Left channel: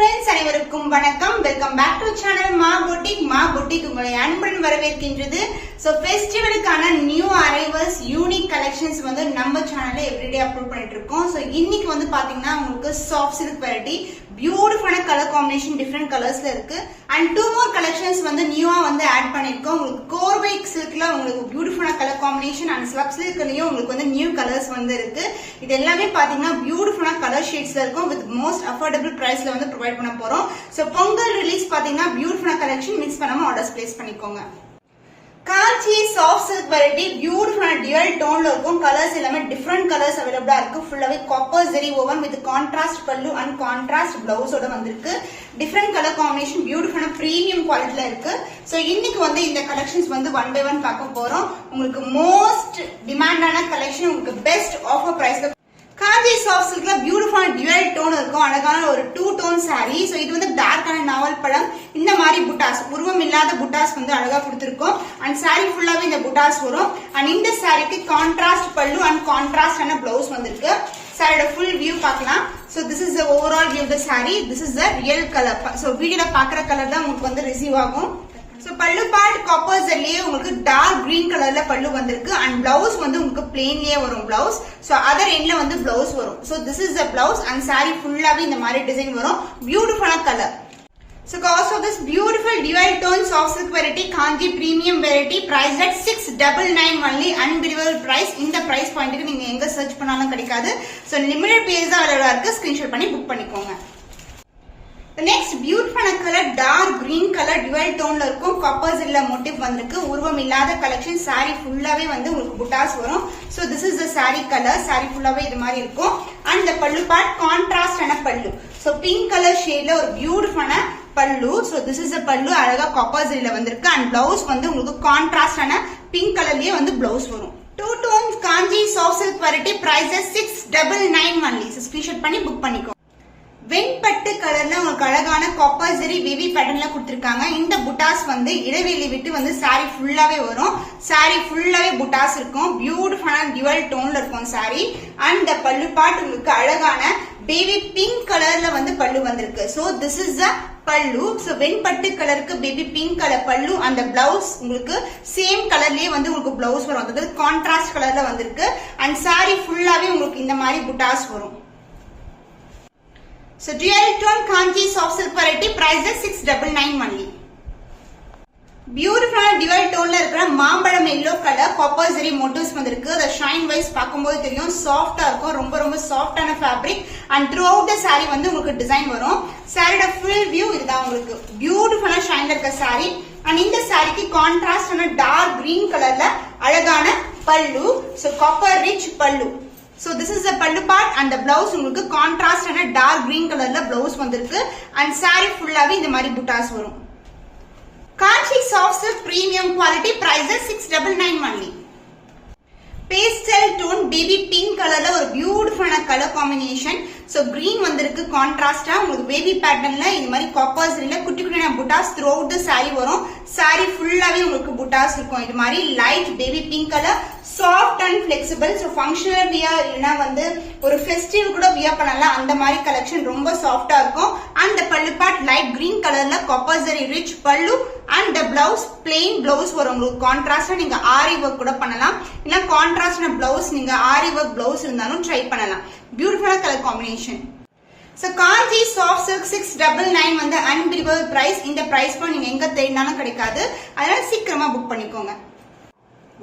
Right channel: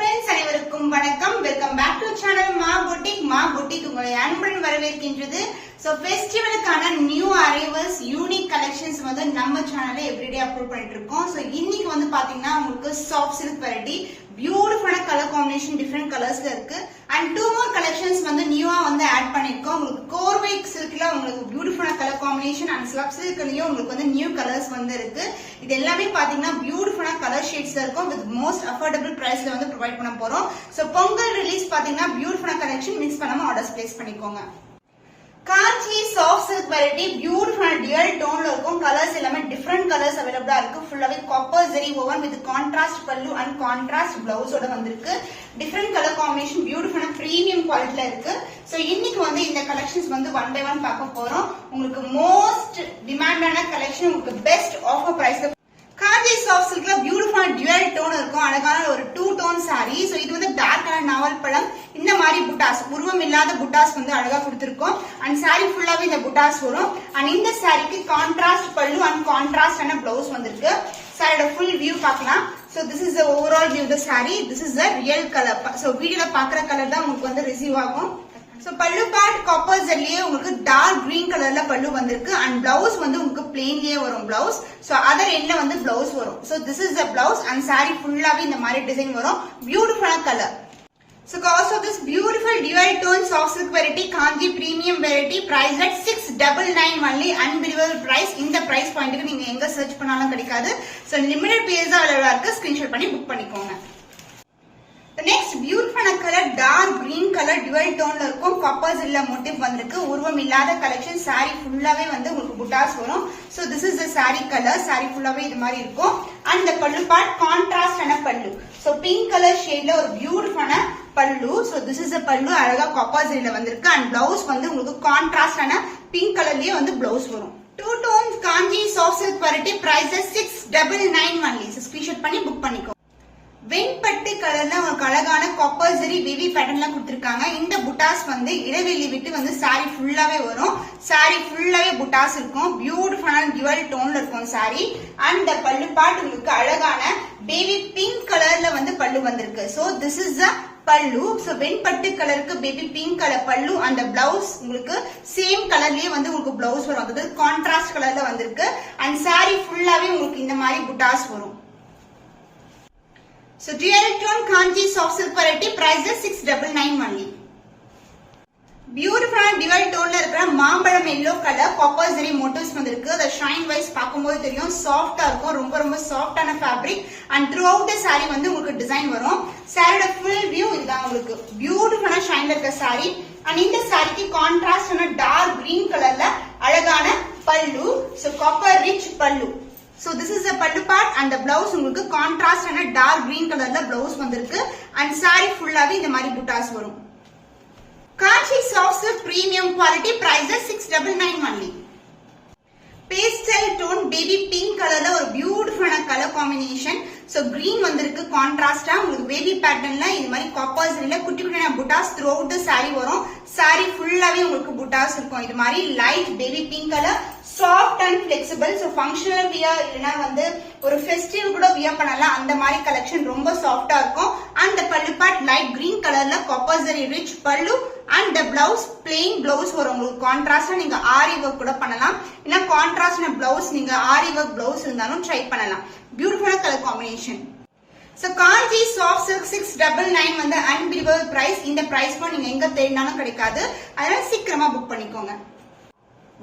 friends, அனைவருக்கும் வணக்கம். Welcome back to channel Maa boutique உங்களை அன்புடன் வரவேற்கின்றது. சோ ஃபெஸ்டிவலுக்கான நியூ அரைவல்ஸ் யூனிக் கலெக்ஷன்ஸ் வந்து நம்ம சேனல்ல எவ்ரிடே அப்லோட் பண்ணிட்டு இருக்கோம். சோ இன்னைக்கு வந்து பாத்தீங்கன்னா உங்களுக்கு சாஃப்ட் சில்க் வெரைட்டி பியூட்டிஃபுல்லான கலர் காம்பினேஷன் டிஃபரெண்ட் கலர்ஸ்ல இருக்கு. அண்ட் 2 more கலெக்ஷன்ஸ் வந்து நியூவா வந்து ஆட் பண்ணிருக்கோம். உங்களுக்கு கோர்வை சில்க்ல உங்களுக்கு பியூட்டிஃபுல்லான கலர் காம்பினேஷன் அண்ட் ஸ்லப் சில்க்லயும் உங்களுக்கு வந்து நியூ கலர்ஸ் வந்து இருக்கு. இது எல்லாமே பாத்தீங்கன்னா பியூட்டிஃபுல்லான கலர் ஷேட்ஸ்ல இருக்கும் வித் மோஸ்ட் அஃபோர்டபிள் பிரைஸ்ல வந்து ப்ரொவைட் பண்ண போறோம். சோ பொங்கல் ரிலீஸ் பாத்தீங்கன்னா பியூட்டிஃபுல்லான கலெக்ஷன் மிஸ் பண்ணாம ஆர்டர்ஸ் பிளேஸ் பண்ணிக்கோங்க. காஞ்சி சாஃப்ட் சில்க் வெரைட்டி பியூட்டிஃபுல்லான டியூல் டோன்ல இருக்கும். கலர்ஸ் எல்லாமே டிஃபரெண்ட் கலர்ஸ் அவைலபிளா இருக்கு. ஃபுல்லாவே copper zari woven with contrast pallu and contrast பிளவுஸோட வந்திருக்கு. டிஃபரெண்ட் கலர் காம்பினேஷன் பியூட்டிஃபுல்லான பிரீமியம் குவாலிட்டில இருக்கு. சோ இன்னைக்கு வந்து இந்த கலெக்ஷன்ஸ் வந்து ஒன் பை ஒன் பார்க்க போறோம். உங்களுக்கு மோஸ்ட் டிமாண்டான கலெக்ஷன் உங்களுக்கு பெஸ்ட் ஆஃபர் பிரைஸ்ல காஞ்சி சாஃப்ட் சில்க்ல பியூட்டிஃபுல்லான டியூல் டோன் இருக்கும். அழகான ஒரு 2 டோன் சாரி. சோ இது வந்து டார்க்கான நாவல் பழம் இந்த மாதிரி புட்டாஸ் உருவம் இல்லாத புட்டாஸ் வந்து அழகா கொடுத்திருக்கோம். அண்ட் சாரி ஃபுல்லாவே இந்த புட்டாஸ் வரும். அண்ட் இந்த சாரிக்கு கான்ட்ராஸ்ட் பல்லு அண்ட் கான்ட்ராஸ்டான பிளவுஸ் வந்திருக்கு. சாரியோட ஃபுல் வியூ பார்க்கலாம். So this is the overall view of the saree. This is the real color. So வீடியோல பாக்குற கலர் தான் உங்களுக்கு வந்து ரிசீவ் ஆகும். சோ பல்லு பார்ட் காப்பர் ஜெல்லியே உங்களுக்கு டார்க் கிரீன் கலர்ல பல்லு வந்திருக்கு. அண்ட் பிளவுஸ் வந்து உங்களுக்கு பிளெயின்லயே வரும் பிளவுஸ். சோ அதர் எண்ட்ல வந்து பிளவுஸ் வரும். So this is the blouse and sorry ஃபுல்லாவே இந்த மாதிரி டிசைன் வரும். பியூட்டிஃபுல்லான colour. So cost of this beautiful dual tone soft silk variety Kanji premium variety priced at 699 only. Unbelievable price. இந்த price point க்கு நீங்க எங்க சர்ச் பண்ணாலும் கிடைக்காது. So limited pieces தான் அவைலபிளா இருக்கு. ஸ்கிரீன்ஷாட் பண்ணி புக் பண்ணிக்கோங்க. The next beautiful color dark green color dual tone ல இருக்கும். copper zilla motif வந்திருக்கு. உருவம் இல்லாத கலெக்ஷன். saree ஃபுல்லாவே வந்து உங்களுக்கு புட்டாஸ் வரும். So this is the saree color. saree ஃபுல்லாவே இது மாதிரி இருக்கும். And the pallu part contrast ஆன பல்லு. So pink color shade ல ஒரு பியூட்டிஃபுல்லான பல்லு. So this is the பல்லு அழகா copper zilla வந்திருக்கு. And blouse வந்து உங்களுக்கு கான்ட்ராஸ்ட் ஆன பிங்க் கலர்லயே வந்து blouse வரும். 2 tones Kanji soft silk variety prices 699 only. So screenshot பண்ணி புக் பண்ணிக்கோ. வெண்பட்டு கலர்ல உங்களுக்கு அழகான காப்பர் ஜெரி பேபி பேட்டர்ன்ல கொடுத்திருக்காங்க. இந்த புட்டாஸ் வந்து இடைவெளி விட்டு வந்து சாரி ஃபுல்லாவே வரும். சாரி ஃபுல்லாவே புட்டாஸ் இருக்கும். பியூட்டிஃபுல்லான டியூவல் டோன்ல இருக்கும் சாரி. அண்ட் the பல்லு பார்ட் உங்களுக்கு அழகான பேபி பிங்க் கலர்ல வந்து பல்லு வந்திருக்கு. சோ திஸ் இஸ் த பல்லு. சோ வெண்பட்டு கலருக்கு பேபி பிங்க் கலர் பல்லு. அந்த பிளவுஸ் உங்களுக்கு சேம் கலர்லயே வந்து உங்களுக்கு பிளவுஸ் வரும். அதாவது கான்ட்ராஸ்ட் கலர்ல வந்திருக்கு. அண்ட் சாரி ஃபுல்லாவே உங்களுக்கு இந்த மாதிரி புட்டாஸ் வரும். So dual tone Kanji soft silk variety prices 699 only. பியூட்டிஃபுல்லான டியூல் டோன்ல இருக்கிற மாம்பழம் எல்லோ கலர் காப்பர் ஜெரி மோட்டிவ்ஸ் வந்திருக்கு. the shine wise பாக்கும்போது தெரியும் சாஃப்ட்டா இருக்கும். ரொம்ப ரொம்ப சாஃப்ட்டான fabric. And throughout the saree வந்து உங்களுக்கு டிசைன் வரும். சாரியோட ஃபுல் வியூ இதுதான் உங்களுக்கு. பியூட்டிஃபுல்லான ஷைன்ல இருக்க saree. அண்ட் இந்த சாரிக்கு கான்ட்ராஸ்ட் ஆன டார்க் கிரீன் கலர்ல அழகான பல்லு. சோ காப்பர் ரிச் பல்லு. So this is the pallu part and the blouse உங்களுக்கு contrast and dark green colorல blouse வந்திருக்கு. and saree ஃபுல்லாவே இந்த மாதிரி புட்டாஸ் வரும். Kanji soft silk premium quality prices 699 only. Pastel tone baby pink கலர்ல ஒரு பியூட்டிஃபுல்லான கலர் காம்பினேஷன். சோ கிரீன் வந்திருக்கு கான்ட்ராஸ்டா உங்களுக்கு பேபி பேட்டர்ன்ல இந்த மாதிரி காப்பர் ஜெரில குட்டி குட்டியான புட்டாஸ் த்ரூ அவுட் தி saree வரும். saree ஃபுல்லாவே உங்களுக்கு புட்டாஸ் இருக்கும். இது மாதிரி light baby pink colour soft and flexible. So functional wear இல்லனா வந்து ஒரு ஃபெஸ்டிவ் கூட வியர் பண்ணலாம். அந்த மாதிரி கலெக்ஷன் ரொம்ப சாஃப்ட்டா இருக்கும். அண்ட் the பல்லு பார்ட் லைட் கிரீன் கலர்ல காப்பர் ஜெரி ரிச் பல்லு. And the blouse plain blouse வரும். உங்களுக்கு கான்ட்ராஸ்டா நீங்க ஆரி வர்க் கூட பண்ணலாம். இல்ல கான்ட்ராஸ்டான blouse நீங்க ஆரி வர்க் blouse இருந்தாலும் ட்ரை பண்ணலாம். பியூட்டிஃபுல்லான colour combination. So Kanji soft silk 699 வந்து unbelievable price. இந்த பிரைஸ் நீங்க எங்க தேடினாலும் கிடைக்காது. அதனால சீக்கிரமா புக் பண்ணிக்கோங்க.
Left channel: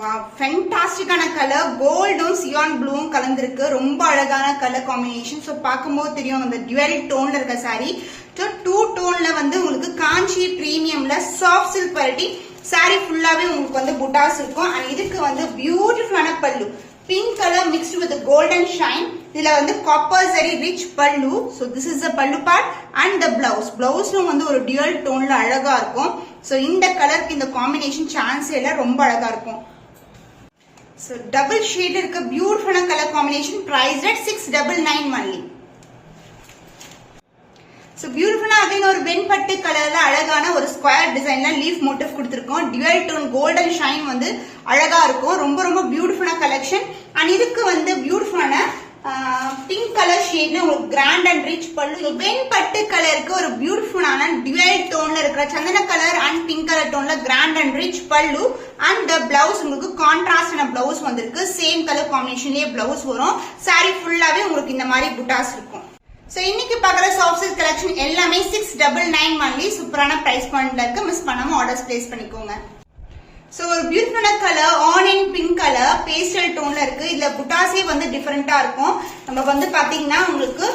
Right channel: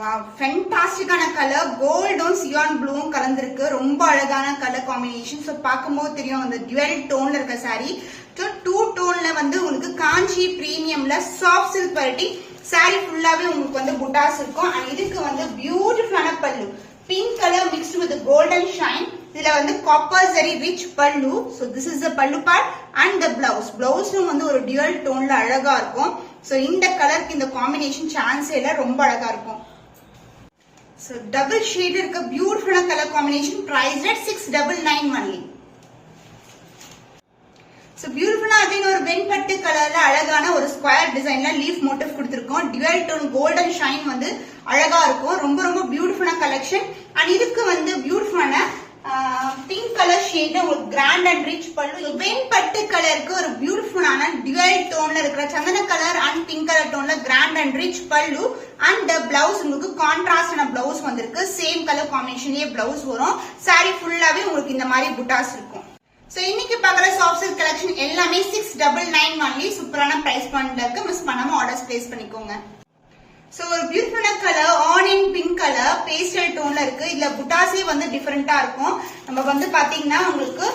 வாவ் ஃபேண்டாஸ்டிக்கான கலர் கோல்டும் சியான் ப்ளூவும் கலந்திருக்கு. ரொம்ப அழகான கலர் காம்பினேஷன். சோ பாக்கும்போது தெரியும் அந்த டியூவல் டோன்ல இருக்க saree. 2 டோன்ல வந்து உங்களுக்கு காஞ்சி பிரீமியம்ல சாஃப்ட் சில்க் வெரைட்டி saree ஃபுல்லாவே உங்களுக்கு வந்து புட்டாஸ் இருக்கும். அண்ட் இதுக்கு வந்து பியூட்டிஃபுல்லான பல்லு pink colour mixed with golden shine. இதுல வந்து காப்பர் ஜெரி ரிச் பல்லு. சோ திஸ் இஸ் த பல்லு பார்ட் அண்ட் த பிளவுஸ். பிளவுஸும் வந்து ஒரு டியூவல் டோன்ல அழகா இருக்கும். சோ இந்த கலருக்கு இந்த காம்பினேஷன் சான்ஸ் இல்ல, ரொம்ப அழகா இருக்கும். So double shade இருக்க beautiful color combination priced at 699 only. So beautiful again ஒரு வெண்பட்டு கலர்ல அழகான ஒரு ஸ்கொயர் டிசைன்ல லீஃப் மோட்டிவ் கொடுத்திருக்கோம். டியூவல் டோன் கோல்டன் ஷைன் வந்து அழகா இருக்கும். ரொம்ப ரொம்ப பியூட்டிஃபுல்லான கலெக்ஷன். அண்ட் இதுக்கு வந்து பியூட்டிஃபுல்லான பிங்க் கலர் ஷேட்ல உங்களுக்கு கிராண்ட் அண்ட் ரிச் பல்லு. வெண்பட்டு கலருக்கு ஒரு பியூட்டிஃபுல்லான டிவைட் டோன்ல இருக்கிற சந்தன கலர் அண்ட் பிங்க் கலர் டோன்ல கிராண்ட் அண்ட் ரிச் பல்லு அண்ட் பிளவுஸ் உங்களுக்கு கான்ட்ராஸ்டான பிளவுஸ் வந்திருக்கு. சேம் கலர் காம்பினேஷன்லயே பிளவுஸ் வரும். சாரி ஃபுல்லாவே உங்களுக்கு இந்த மாதிரி புட்டாஸ் இருக்கும். சோ இன்னைக்கு பாக்குற சாஃப்ட் சில்க் கலெக்ஷன் எல்லாமே 699 ஒன்லி. சூப்பரான பிரைஸ் பாயிண்ட்ல இருக்கு. மிஸ் பண்ணாம ஆர்டர்ஸ் பிளேஸ் பண்ணிக்கோங்க. சோ ஒரு பியூட்டிஃபுல்லான colour onion pink colour pastel டோன்ல இருக்கு. இதுல புட்டாஸே வந்து டிஃபரெண்டா இருக்கும். நம்ம வந்து பாத்தீங்கன்னா உங்களுக்கு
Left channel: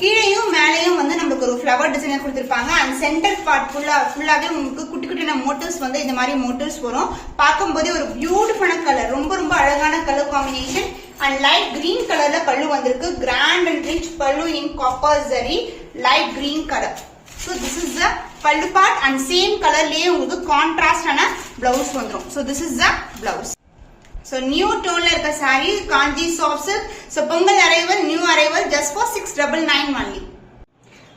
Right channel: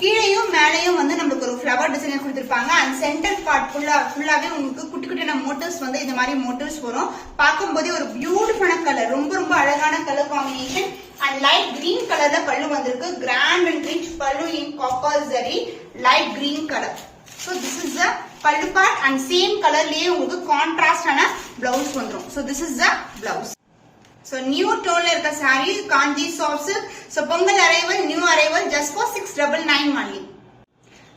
கீழையும் மேலையும் வந்து நமக்கு ஒரு ஃபிளவர் டிசைன் கொடுத்திருப்பாங்க. அண்ட் சென்டர் பார்ட் ஃபுல்லாவே உங்களுக்கு குட்டி குட்டியான மோட்டிவ்ஸ் வந்து இந்த மாதிரி மோட்டிவ்ஸ் வரும். பார்க்கும்போதே ஒரு பியூட்டிஃபுல்லான கலர், ரொம்ப ரொம்ப அழகான கலர் காம்பினேஷன். அண்ட் லைட் கிரீன் கலர்ல பல்லு வந்திருக்கு. கிராண்ட் அண்ட் ரிச் பல்லு in copper zari light green colour. So this is the pallu part and same color லயே உங்களுக்கு கான்ட்ராஸ்ட் ஆன blouse வந்துரும். So this is the blouse. So new tone ல இருக்க saree Kanchi soft silk. So Pongal arrival new arrival just for 699 only.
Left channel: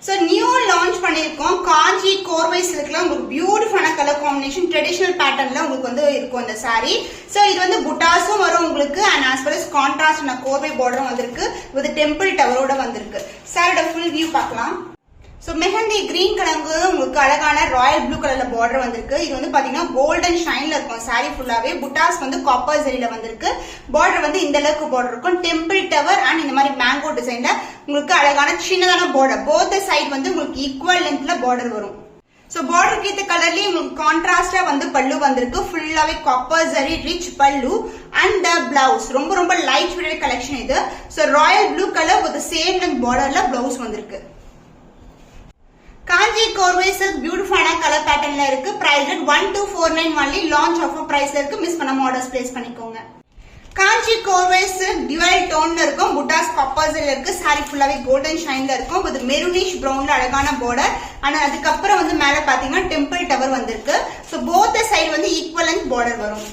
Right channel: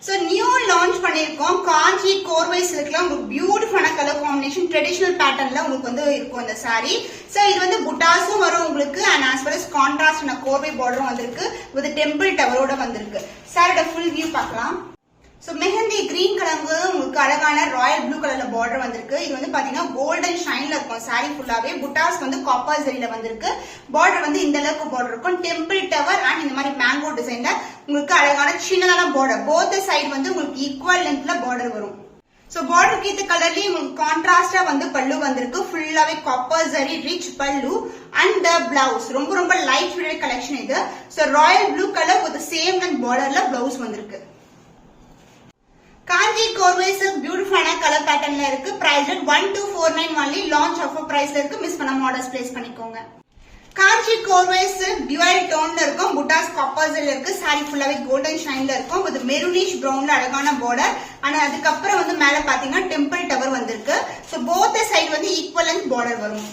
So new launch பண்ணிருக்கோம் காஞ்சி கோர்வை silkல உங்களுக்கு பியூட்டிஃபுல்லான கலர் காம்பினேஷன் ட்ரெடிஷனல் பேட்டர்ன்ல உங்களுக்கு வந்து இருக்கும் அந்த saree. So இது வந்து புட்டாஸும் வரும் உங்களுக்கு and as well as contrast ஆன கோர்வை border வந்திருக்கு with temple tower-ஓட வந்திருக்கு. சாரியோட full view பார்க்கலாம். சோ மெஹந்தி கிரீன் கலருக்கு உங்களுக்கு அழகான ராயல் ப்ளூ கலர்ல பார்டர் வந்திருக்கு. இது வந்து பாத்தீங்கன்னா கோல்டன் ஷைன்ல இருக்கும் சாரி ஃபுல்லாவே. புட்டாஸ் வந்து காப்பர் ஜரியில வந்திருக்கு. பார்டர் வந்து இந்த அளவுக்கு பார்டர் இருக்கும். டெம்பிள் டவர் அண்ட் இந்த மாதிரி மேங்கோ டிசைன்ல உங்களுக்கு அழகான சின்னதான பார்டர். போத் சைடு வந்து உங்களுக்கு ஈக்குவல் லென்த்ல பார்டர் வரும். சோ பார்டருக்கு ஏத்த கலர்லயே உங்களுக்கு கான்ட்ராஸ்ட்ல வந்து பல்லு வந்திருக்கு. ஃபுல்லாவே காப்பர் ஜரி ரிச் பல்லு அண்ட் த பிளவுஸ் ரொம்ப ரொம்ப லைட் வெயிட் கலெக்ஷன் இது. So royal blue colour with same length பார்டர்ல பிளவுஸ் வந்திருக்கு. காஞ்சி கோர்வை சில்க் பியூட்டிஃபுல்லான கலர் பேட்டர்ன்ல இருக்கு. Price 1249 only. லான்ச் ஆஃபர் பிரைஸ்ல இருக்கு. மிஸ் பண்ணாம ஆர்டர்ஸ் பிளேஸ் பண்ணிக்கோங்க. காஞ்சி கோர்வை சில்க் டிவைட் டோன்ல இருக்கும். புட்டாஸ் காப்பர்ஸ்ல இருக்கு. சாரி ஃபுல்லாவே கோல்டன் ஷைன்ல இருக்கும். வித் மெரூனிஷ் பிரவுன்ல அழகான பார்டர். ஆனா அதுக்கப்புறம் வந்து மேல பாத்தீங்கன்னா டெம்பிள் டவர் வந்திருக்கு. சோ போத் சைடு வந்து ஈக்குவலன்ட் பார்டர் வரும்.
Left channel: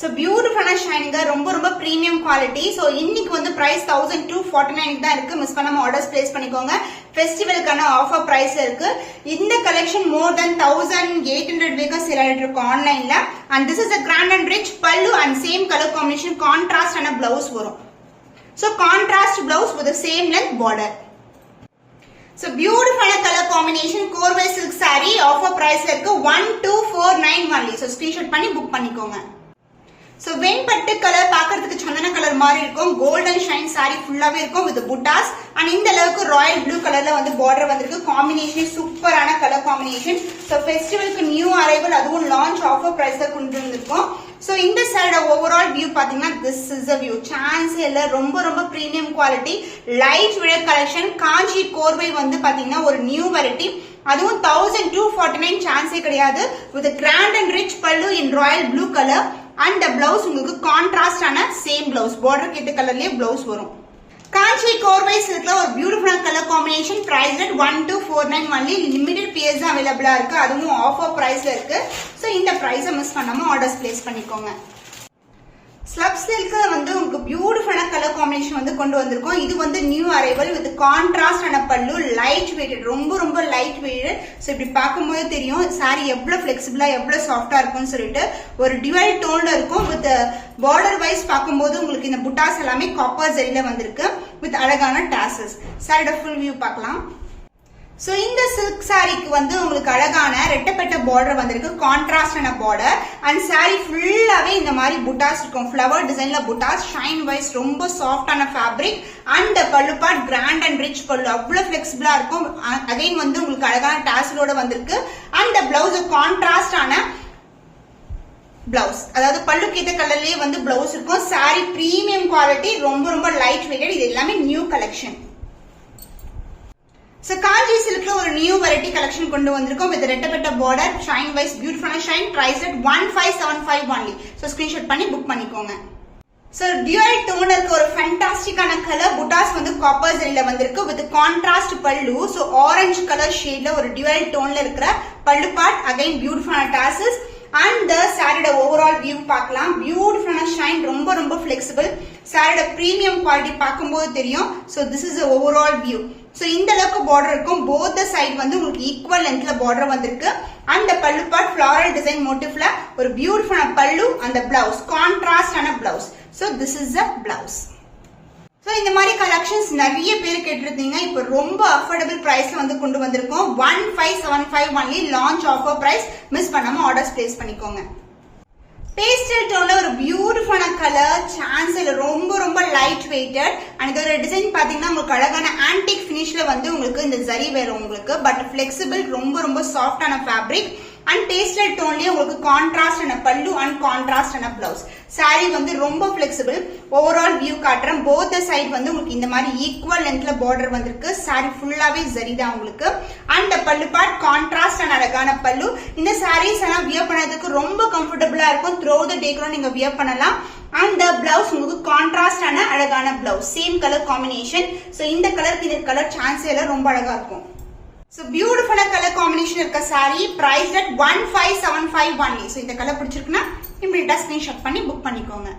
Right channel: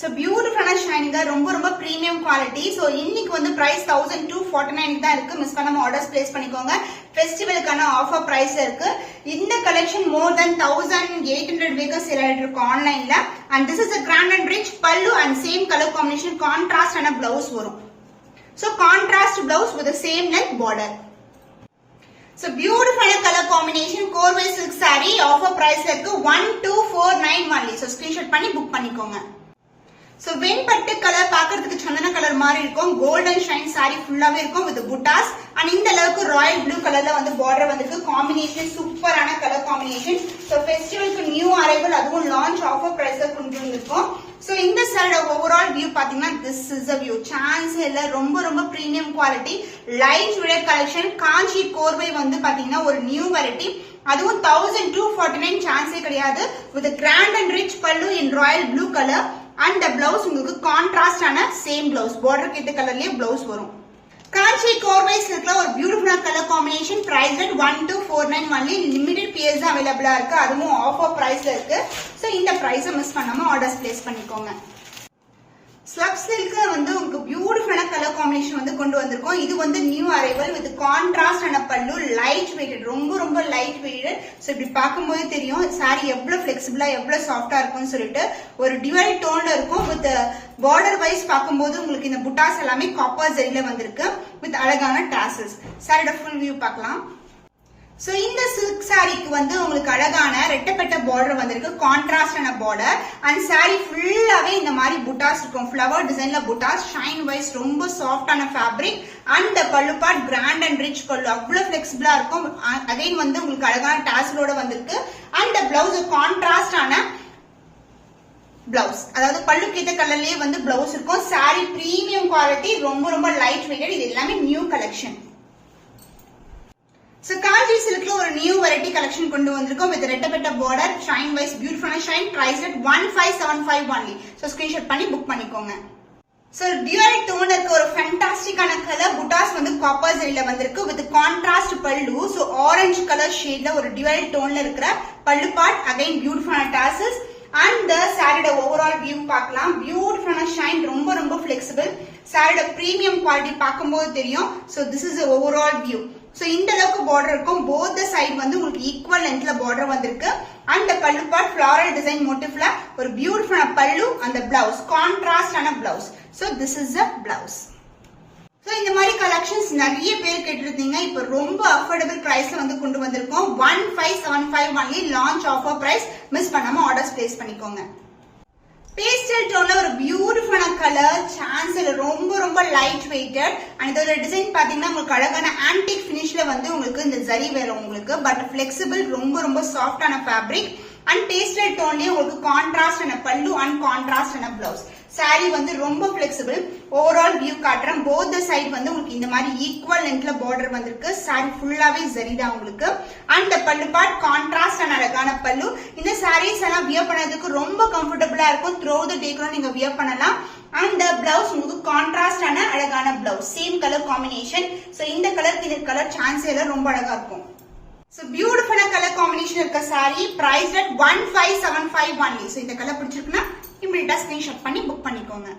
சோ பியூட்டிஃபுல்லான ஷைனிங்கா ரொம்ப ரொம்ப பிரீமியம் குவாலிட்டி. சோ இன்னைக்கு வந்து பிரைஸ் 1249 தான் இருக்கு. மிஸ் பண்ணாம ஆர்டர்ஸ் பிளேஸ் பண்ணிக்கோங்க. ஃபெஸ்டிவலுக்கான ஆஃபர் பிரைஸ் இருக்கு. இந்த கலெக்ஷன் மோர் தென் 1800 வேகஸ் சேல் ஆயிட்டு இருக்கு ஆன்லைன்ல. And this is a grand and rich pallu and same color combination contrast ஆன blouse வரும். So contrast blouse with the same length border. So beautiful color combination கோர்வை silk saree offer price இருக்கு 1249 only. So screenshot பண்ணி book பண்ணிக்கோங்க. So வெண்பட்டு colour பாக்கிறதுக்கு சந்தன colour மாதிரி இருக்கும். கோல்டன் ஷைன் சாரி ஃபுல்லாவே இருக்கும் வித் புட்டாஸ் அண்ட் இந்த அளவுக்கு ராயல் ப்ளூ கலர்ல வந்து பார்டர் வந்திருக்கு. காம்பினேஷன் சூப்பரான கலர் காம்பினேஷன். சோ ஃபெஸ்டிவலுக்கு நியூ அரைவல் அதுவும் லான்ச் ஆஃபர் பிரைஸ்ல கொண்டு வந்திருக்கோம். சோ இந்த சைடு ஓவரால் வியூ பாத்தீங்கன்னா this is a view. Chance இல்ல, ரொம்ப ரொம்ப premium quality light weight collection. Kanchi கோர்வை வந்து பாத்தீங்கன்னா ஒரு நியூ வெரைட்டி. அதுவும் 1249 சான்ஸே கிடையாது. வித் கிராண்ட் அண்ட் ரிச் பல்லு in royal blue colour and blouse உங்களுக்கு கான்ட்ராஸ்ட் ஆன சேம் பிளவுஸ். பார்டர் ஏத்த கலர்லயே பிளவுஸ் வரும். காஞ்சி கோர்வை சில்க்ல ஒரு beautiful colour combination. Price 1249 only. Limited piece அவைலபிளா இருக்கு. அதுவும் ஆஃபர் பிரைஸ்ல இருக்கு. சோ இந்த பிரைஸை மிஸ் பண்ணாம ஆர்டர்ஸ் பிளேஸ் பண்ணிக்கோங்க. ஸ்லப் சில்க்ல வந்து உங்களுக்கு பியூட்டிஃபுல்லான கலர் காம்பினேஷன் வந்து கொண்டு வந்திருக்கோம். இது வந்து நியூ அரைவல் வித் கான்ட்ராஸ்ட் ஆன பல்லு. லைட் வெயிட், ரொம்ப ரொம்ப லைட் வெயிட். சோ இப்படி பார்க்கும்போது தெரியும் சாரி எவ்வளவு பிளெக்சிபிளா எவ்வளவு சாஃப்டா இருக்கும்னு சொல்லிட்டு. ஒரு டிவைட் டோன்ல இருக்கும். வித் பார்டர் வைஸ் பார்க்கும்போது உங்களுக்கு இந்த புட்டாஸ் எல்லாமே காப்பர் ஜரியில வந்திருக்கு வித் அழகான டாசல்ஸ். சாரியோட ஃபுல் வியூ பார்க்கலாம். சோ இந்த சில்க் சாரிக்கு வந்து உங்களுக்கு அழகான ரெட்டப்பட்ட பார்டர் வந்திருக்கு. கான்ட்ராஸ்டான பார்டர் அண்ட் சாரி ஃபுல்லாவே இந்த மாதிரி புட்டாஸ் இருக்கும். ஃபிளவர் டிசைன்ல புட்டாஸ். ஷைன் வைஸ் ரொம்ப சாஃப்டான ஃபேப்ரிக் அண்ட் பல்லு பார்ட் கிராண்ட் அண்ட் ரிச் பல்லு. அவ்வளவு பிளெக்சிபிளா இருக்கும். அகைன் வந்து உங்களுக்கு அழகான டாசலோட வந்திருக்கு. அண்ட் பிளவுஸ் கான்ட்ராஸ்டான பிளவுஸ், அதாவது பல்லுக்கு ஏத்த கலர்லயே வந்து பிளவுஸ் இருக்கும். சாரி பிரீமியம் குவாலிட்டி, ரொம்ப ரொம்ப லைட் வெயிட். இது எல்லாமே நியூ கலெக்ஷன். So காஞ்சி சில்க்ல ஒரு நியூ வெரைட்டி கலெக்ஷன் கொண்டு வந்திருக்கோம் வித் ரெட்டப்பட்ட பார்டர். ஷைன் வைஸ் பியூட்டிஃபுல்லான shine. Price 1575 only. So screenshot பண்ணி புக் பண்ணிக்கோங்க. சோ டியூவல் டோன் இருக்க ஒரு ஃபேண்டாஸ்டிக்கான கலர். புட்டாஸ் வந்து காப்பர் ஜரியில வந்திருக்கு with contrast pallu. So orange colour ஷேட்ல ஒரு டியூவல் டோன்ல இருக்கிற பல்லு பார்ட். அகைன் பியூட்டிஃபுல்லான டாசல்ஸ் அண்ட் சாரியோட ஓவரால் வியூ பார்க்கலாம். பியூட்டிஃபுல்லான ஷைன், ரொம்ப ரொம்ப பிளெக்சிபிள். சாரியோட பிரீமியம் குவாலிட்டி பார்க்கும்போது தெரியும். So this is overall view. So இந்த அளவுக்கு பார்டர் இருக்கும். போத் சைடு வந்து உங்களுக்கு ஈக்குவல் லென்த்ல பார்டர் வந்திருக்கு. அண்ட் பல்லு பார்ட் ஃபிளாரல் டிசைன் மோட்டிவ்ல ஒரு பியூட்டிஃபுல்லான பல்லு. அந்த பிளவுஸ் கான்ட்ராஸ்ட் ஆன blouse. So this is a blouse. So இந்த மாதிரி கலெக்ஷன்ஸ் நிறைய பேர் கேட்டிருந்தீங்க. இப்போ ரொம்ப அஃபோர்டபிள் பிரைஸ்ல வந்து கொண்டு வந்திருக்கோம். 1575 only launch offer price. Miss பண்ணாம ஆர்டர்ஸ் பிளேஸ் பண்ணிக்கோங்க. பேஸ்டல் டோன்ல ஒரு பியூட்டிஃபுல்லான கலர், சான்ஸ் இல்ல, ரொம்ப ரொம்ப லைட் வெயிட்டட். அண்ட் இதோட டிசைன் பாத்தீங்கன்னா உங்களுக்கு அழகான ஆன்டிக் பினிஷ்ல வந்து உங்களுக்கு இந்த ஜரி வேற உங்களுக்கு, பட் பிளெக்சிபிள், ரொம்ப ரொம்ப சாஃப்டான ஃபேப்ரிக். அண்ட் பேஸ்டல் டோன்லயே உங்களுக்கு கான்ட்ராஸ்ட் ஆன பல்லு அண்ட் கான்ட்ராஸ்ட் ஆன பிளவுஸ். சாரி வந்து ரொம்ப பிளெக்சிபிள். ஓவரால் வியூ காட்டுறேன். போத் சைட் வந்து உங்களுக்கு இந்த மாதிரி ஈக்குவல் லென்த்ல பார்டர் வந்திருக்கு. சாரி ஃபுல்லாவே ஜரி தான் உங்களுக்கு. அண்ட் பல்லு பார்ட் கான்ட்ராஸ்ட் அண்ட் அழகான பல்லு. இந்த சாரீஸ் எல்லாம் வியர் பண்ணதுக்கு ரொம்ப கம்ஃபர்டபுளா இருக்கும். த்ரூ தி டே கூட நீங்க வியர் பண்ணலாம். அண்ட் பிளவுஸ் உங்களுக்கு கான்ட்ராஸ்ட் ஆன அழகான blouse, same colour combination. So இந்த கலருக்கு இந்த கலர் சான்ஸ் எல்லாம் ரொம்ப அழகா இருக்கும். So beautiful color combination இருக்க saree priced at 1575 only. So இந்த கலர் பிடிச்சிருக்குன்னா இமிடியேட்டா ஸ்கிரீன்ஷாட் பண்ணி புக் பண்ணிக்கோங்க.